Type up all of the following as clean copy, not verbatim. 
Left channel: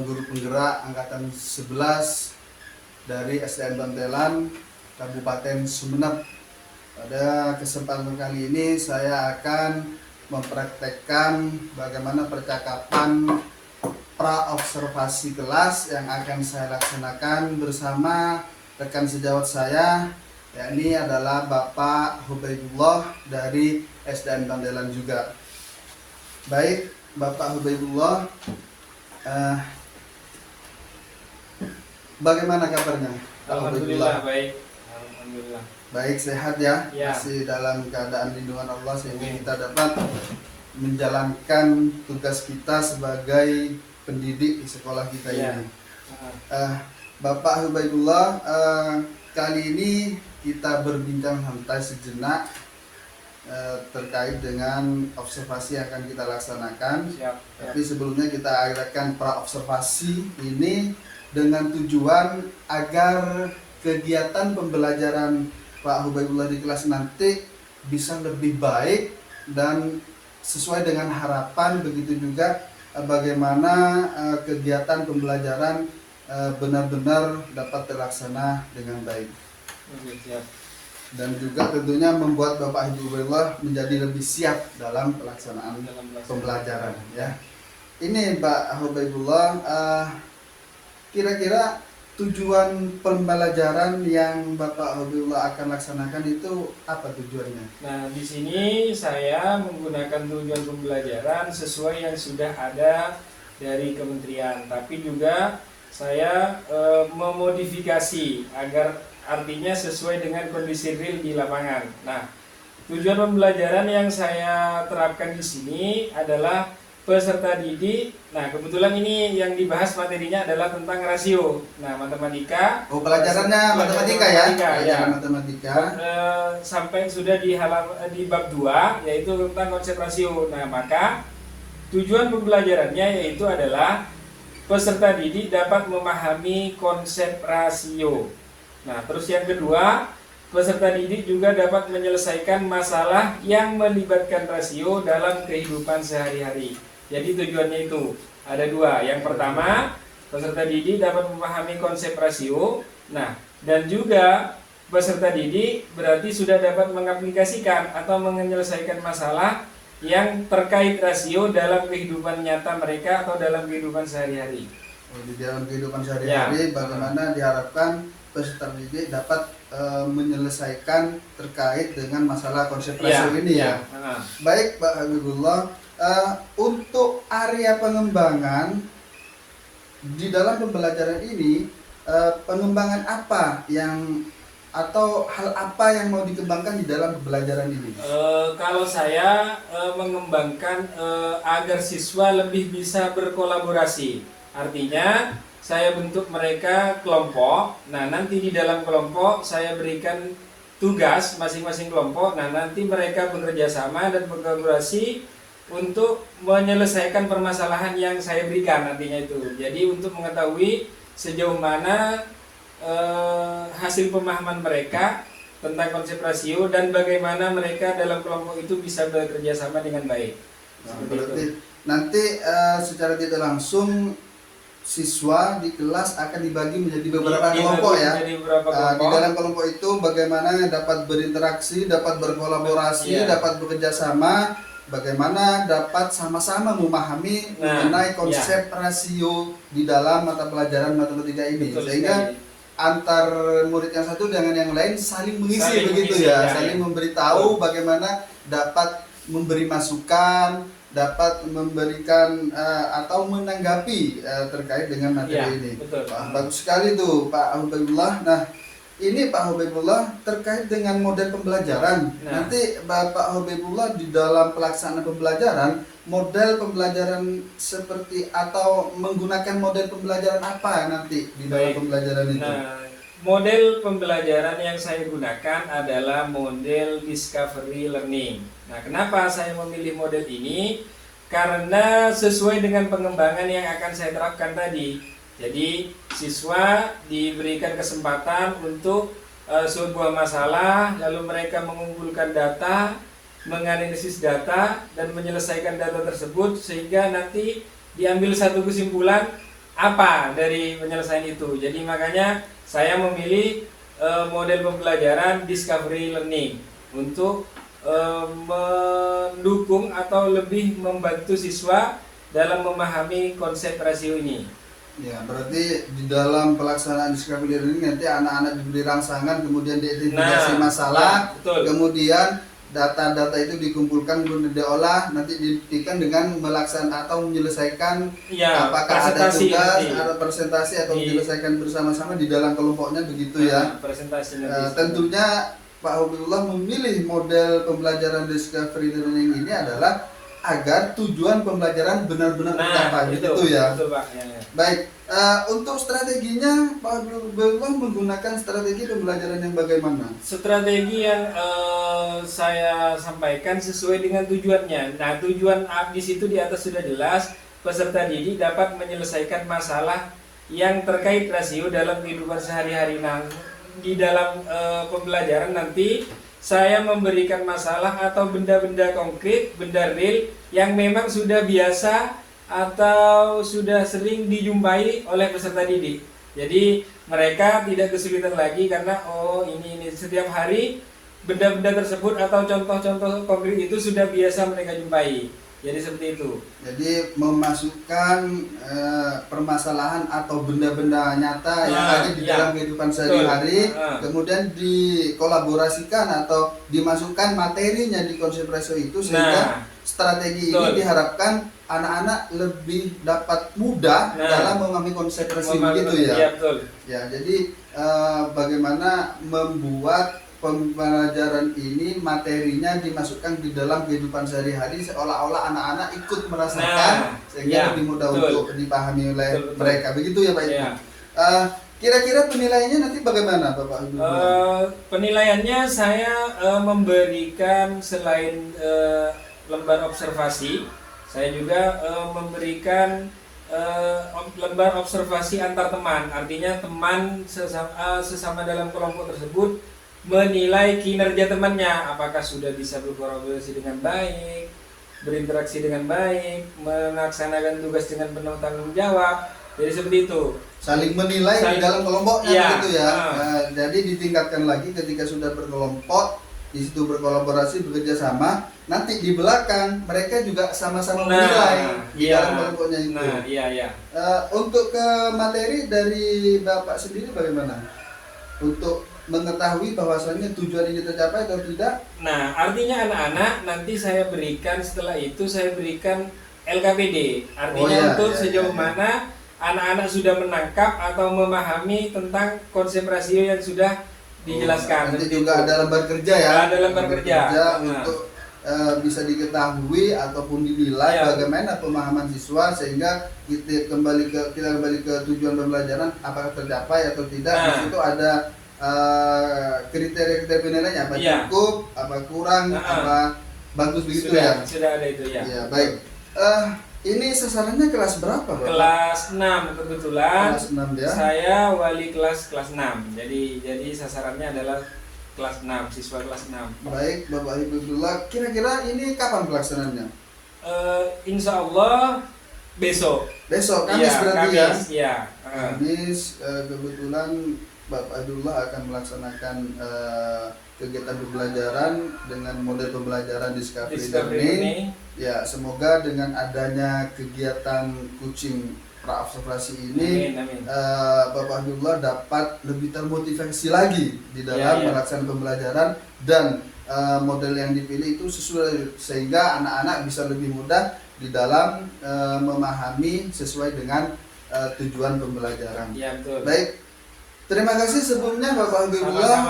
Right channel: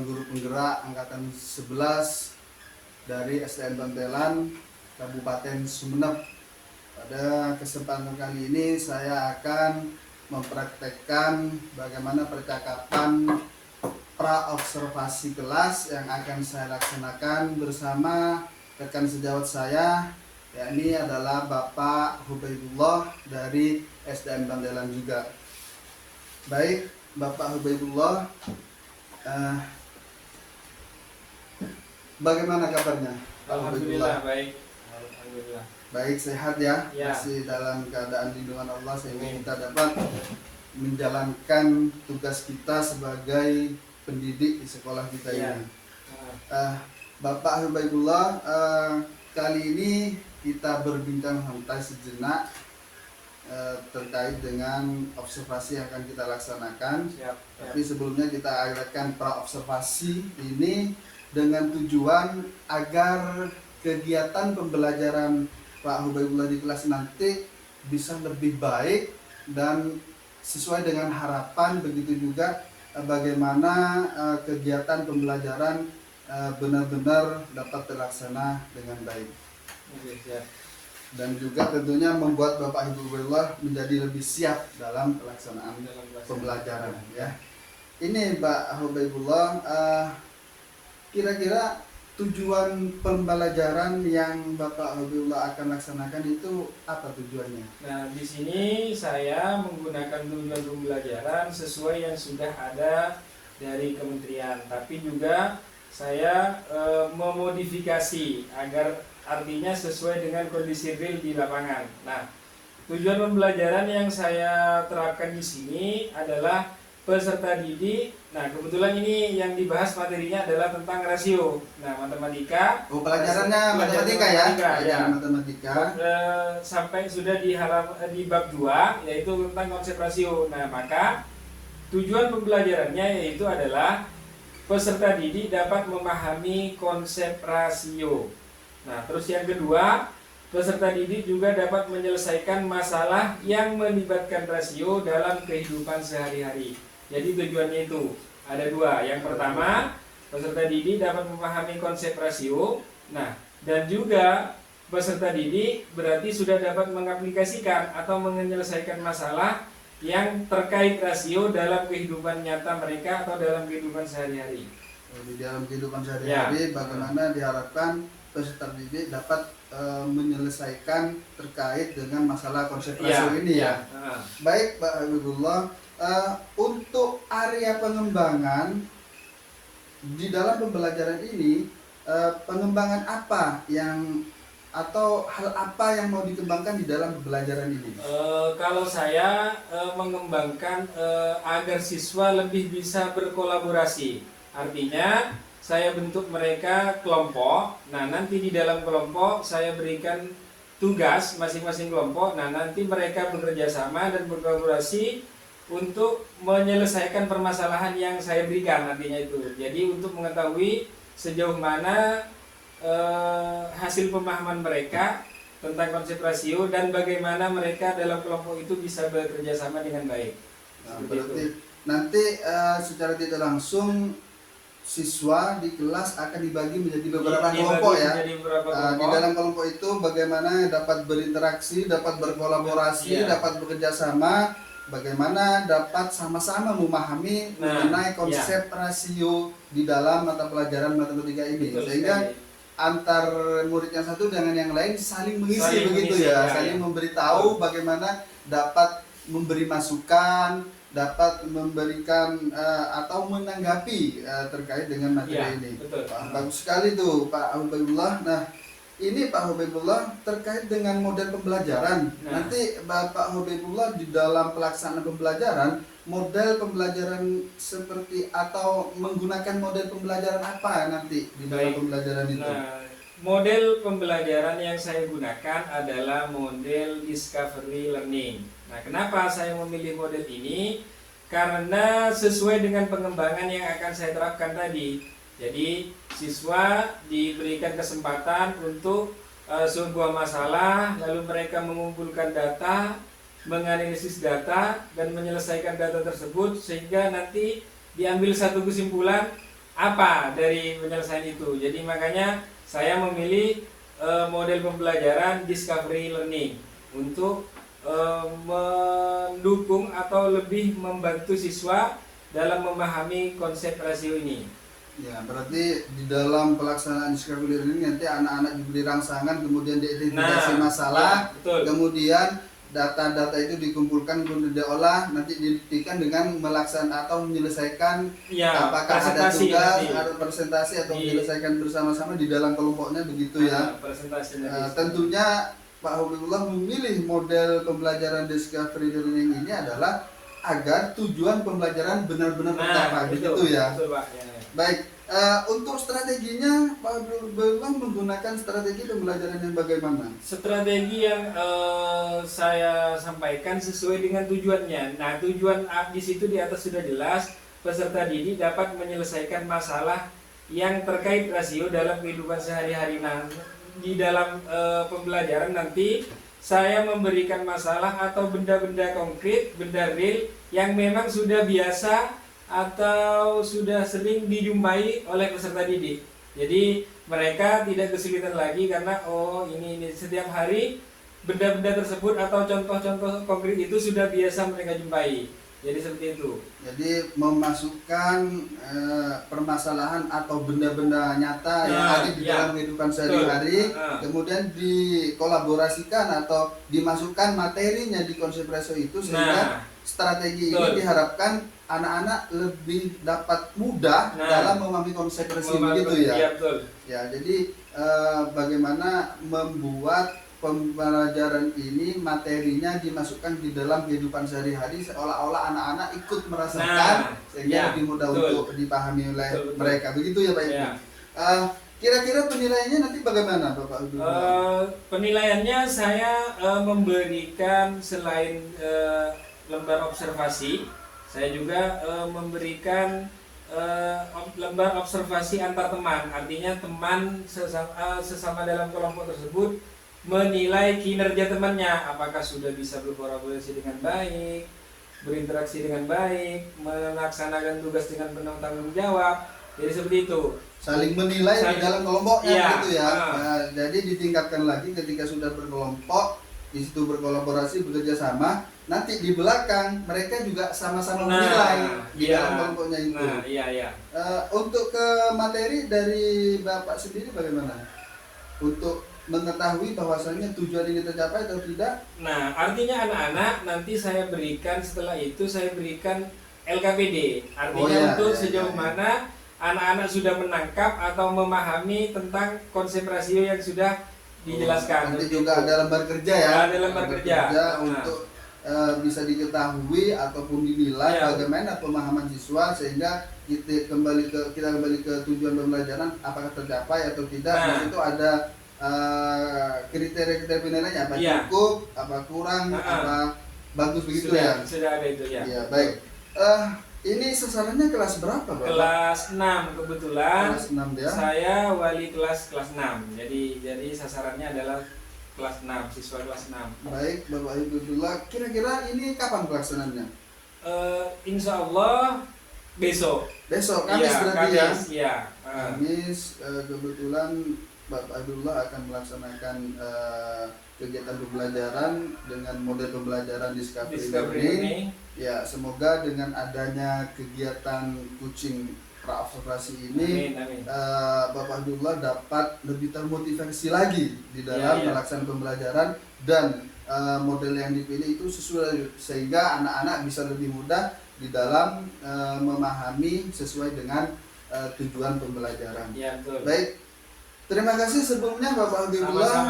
calon guru penggerak angkatan 11 dari SDN Bantelan, Kabupaten Sumeneb. Pada kesempatan kali ini saya akan mempraktekkan bagaimana percakapan pra-observasi kelas yang akan saya laksanakan bersama rekan sejawat saya, yakni adalah Bapak Hubaidullah dari SDN Bantelan juga. Baik, Bapak Hubaidullah, bagaimana kabarnya? Alhamdulillah baik. Alhamdulillah. Baik, sehat ya? Ya. Masih dalam keadaan lindungan Allah sehingga kita dapat menjalankan tugas kita sebagai pendidik di sekolah kita Ya. ini. Bapak Hubaidullah, kali ini kita berbincang santai sejenak terkait dengan observasi yang akan kita laksanakan. Siap. Tapi sebelumnya kita adakan pra-observasi ini dengan tujuan agar kegiatan pembelajaran Pak Hubaidullah di kelas nanti bisa lebih baik dan sesuai dengan harapan. Begitu juga bagaimana kegiatan pembelajaran benar-benar dapat terlaksana dengan baik. Oke, siap. Dan juga tentunya membuat Bapak Ibu Hubaidullah menjadi lebih siap dalam pelaksanaan pembelajaran ya. Ini Pak Hubaidullah, kira-kira tujuan pembelajaran yang Bapak Hubaidullah akan laksanakan itu apa tujuannya? Nah, di sini saya menggunakan tujuan pembelajaran sesuai yang sudah ada dari kementerian, tapi juga saya memodifikasi agar artinya sesuai dengan kondisi real di lapangan. Nah, tujuan pembelajaran yang saya terapkan di sini adalah peserta didik. Nah, kebetulan ini yang dibahas materinya adalah tentang rasio. Nah, matematika. Oh, pelajarannya matematika ya? Pelajaran matematika. Sampai sudah di bab 2, yaitu tentang konsep rasio. Nah, maka tujuan pembelajarannya yaitu adalah peserta didik dapat memahami konsep rasio. Nah, terus yang kedua, peserta didik juga dapat menyelesaikan masalah yang melibatkan rasio dalam kehidupan sehari-hari. Jadi tujuannya itu ada dua. Yang pertama, peserta didik dapat memahami konsep rasio. Nah, dan juga peserta didik berarti sudah dapat mengaplikasikan atau menyelesaikan masalah yang terkait rasio dalam kehidupan nyata mereka atau dalam kehidupan sehari-hari. Di dalam kehidupan sehari-hari bagaimana diharapkan peserta didik dapat menyelesaikan terkait dengan masalah konsep rasio ini ya. Baik Pak Habibullah, untuk area pengembangan di dalam pembelajaran ini, pengembangan apa yang atau hal apa yang mau dikembangkan di dalam pembelajaran ini? Kalau saya mengembangkan agar siswa lebih bisa berkolaborasi, artinya saya bentuk mereka kelompok. Nah, nanti di dalam kelompok saya berikan tugas masing-masing kelompok. Nah, nanti mereka bekerja sama dan berkolaborasi untuk menyelesaikan permasalahan yang saya berikan nantinya itu. Jadi untuk mengetahui sejauh mana hasil pemahaman mereka tentang konsep rasio dan bagaimana mereka dalam kelompok itu bisa bekerja sama dengan baik. Nah, berarti nanti secara tidak langsung siswa di kelas akan dibagi menjadi beberapa kelompok ya. Di dalam kelompok itu bagaimana dapat berinteraksi, dapat berkolaborasi, dapat bekerja sama, bagaimana dapat sama-sama memahami mengenai konsep rasio di dalam mata pelajaran matematika ini. Sehingga antar murid yang satu dengan yang lain saling mengisi begitu ya, saling memberitahu bagaimana dapat memberi masukan, dapat memberikan atau menanggapi terkait dengan materi ini. Wah, bagus sekali tuh Pak Hubaidullah. Nah, ini Pak Hubaidullah terkait dengan model pembelajaran. Nanti Bapak Hubaidullah di dalam pelaksanaan pembelajaran, model pembelajaran seperti atau menggunakan model pembelajaran apa nanti di dalam pembelajaran itu? Nah, model pembelajaran yang saya gunakan adalah model discovery learning. Nah, kenapa saya memilih model ini? Karena sesuai dengan pengembangan yang akan saya terapkan tadi. Jadi, siswa diberikan kesempatan untuk sebuah masalah, lalu mereka mengumpulkan data, menganalisis data, dan menyelesaikan data tersebut, sehingga nanti diambil satu kesimpulan apa dari penyelesaian itu. Jadi makanya saya memilih model pembelajaran discovery learning untuk mendukung atau lebih membantu siswa dalam memahami konsep rasio ini. Ya, berarti di dalam pelaksanaan discovery learning nanti anak-anak diberi rangsangan, kemudian diidentifikasi masalah, ya, betul. kemudian data-data itu dikumpulkan, kemudian diolah, nanti dibuktikan dengan melaksanakan atau menyelesaikan, ya, apakah ada tugas nanti. atau presentasi atau menyelesaikan bersama-sama di dalam kelompoknya, begitu ya. Presentasi nanti. Tentunya Pak Habibullah memilih model pembelajaran discovery learning ini adalah agar tujuan pembelajaran benar-benar tercapai, gitu ya. Betul, Pak. Ya. Baik, untuk strateginya Pak Habibullah menggunakan strategi pembelajaran yang bagaimana? Strategi yang saya sampaikan sesuai dengan tujuannya. Nah, tujuan di situ di atas sudah jelas, peserta didik dapat menyelesaikan masalah yang terkait rasio dalam kehidupan sehari-hari. Nah, di dalam pembelajaran nanti saya memberikan masalah atau benda-benda konkret, benda real yang memang sudah biasa atau sudah sering dijumpai oleh peserta didik. Jadi mereka tidak kesulitan lagi karena ini setiap hari benda-benda tersebut atau contoh-contoh konkret itu sudah biasa mereka jumpai. Jadi seperti itu. Jadi memasukkan permasalahan atau benda-benda nyata yang ada di dalam kehidupan sehari-hari, kemudian dikolaborasikan atau dimasukkan materinya di konsep rasio itu, sehingga strategi ini diharapkan anak-anak lebih dapat mudah dalam memahami konsep rasio, begitu ya. Ya, betul. Ya, jadi bagaimana membuat pembelajaran ini materinya dimasukkan di dalam kehidupan sehari-hari seolah-olah anak-anak ikut merasakan, sehingga lebih mudah untuk dipahami oleh mereka, begitu ya Pak Ibu. Kira-kira penilaiannya nanti bagaimana Bapak Ibu? Penilaiannya saya memberikan selain lembar observasi, saya juga memberikan lembar observasi antar teman. Artinya teman sesama dalam kelompok tersebut menilai kinerja temannya, apakah sudah bisa berkolaborasi dengan baik, berinteraksi dengan baik, melaksanakan tugas dengan penuh tanggung jawab. Jadi seperti itu. Saling menilai di dalam kelompoknya, gitu ya. Nah, jadi ditingkatkan lagi ketika sudah berkelompok, di situ berkolaborasi, bekerja sama. Nanti di belakang mereka juga sama-sama menilai di dalam kelompoknya itu. Untuk ke materi dari Bapak sendiri bagaimana? Untuk mengetahui bahwasannya tujuan ini tercapai atau tidak? Nah, artinya anak-anak nanti saya berikan, setelah itu saya berikan LKPD. Artinya untuk sejauh mana anak-anak sudah menangkap atau memahami tentang konsep rasio yang sudah dijelaskan. Nanti juga ada lembar kerja ya. Ada lembar kerja untuk bisa diketahui ataupun dinilai bagaimana pemahaman siswa, sehingga kita kembali ke tujuan pembelajaran apakah tercapai atau tidak. Di situ ada kriteria penilaiannya, apa cukup, apa kurang, apa bagus, begitu ya. Sudah ada itu ya. Ya, baik. Ini sasarannya kelas berapa, Pak? Kelas 6 kebetulan. Kelas 6 ya. Saya wali kelas 6. Jadi sasarannya adalah kelas 6, siswa kelas 6. Baik, Bapak Hibibullah, kira-kira ini kapan pelaksanaannya? Insya Allah besok. Besok, Kamis berarti Kamis, ya? Kamis, kebetulan Bapak Abdullah akan melaksanakan kegiatan pembelajaran dengan model pembelajaran discovery learning. Ya, semoga dengan adanya kegiatan kucing praobservasi ini, Bapak Abdullah dapat lebih termotivasi lagi di dalam melaksanakan pembelajaran, dan model yang dipilih itu sesuai, sehingga anak-anak bisa lebih mudah di dalam memahami sesuai dengan tujuan pembelajaran. Ya, betul. Baik. Terima kasih sebelumnya Bapak Habibullah.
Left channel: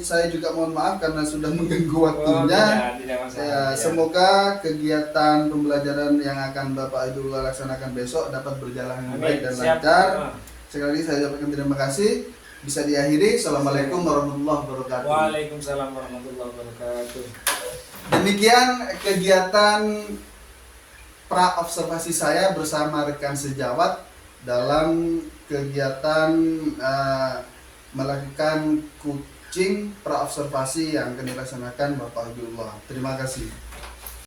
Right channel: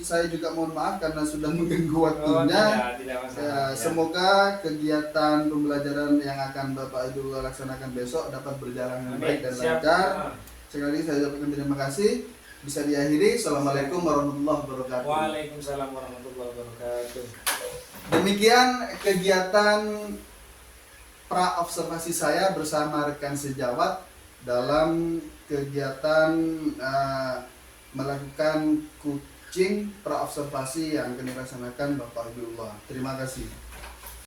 Saya juga mohon maaf karena sudah mengganggu waktunya. Tidak. Semoga kegiatan pembelajaran yang akan Bapak Habibullah laksanakan besok dapat berjalan dengan baik dan lancar. Sekali lagi saya ucapkan terima kasih. Bisa diakhiri. Assalamualaikum warahmatullahi wabarakatuh. Waalaikumsalam warahmatullahi wabarakatuh. Demikian kegiatan pra-observasi saya bersama rekan sejawat dalam kegiatan melakukan kucing praobservasi yang akan dilaksanakan Bapak Habibullah. Terima kasih.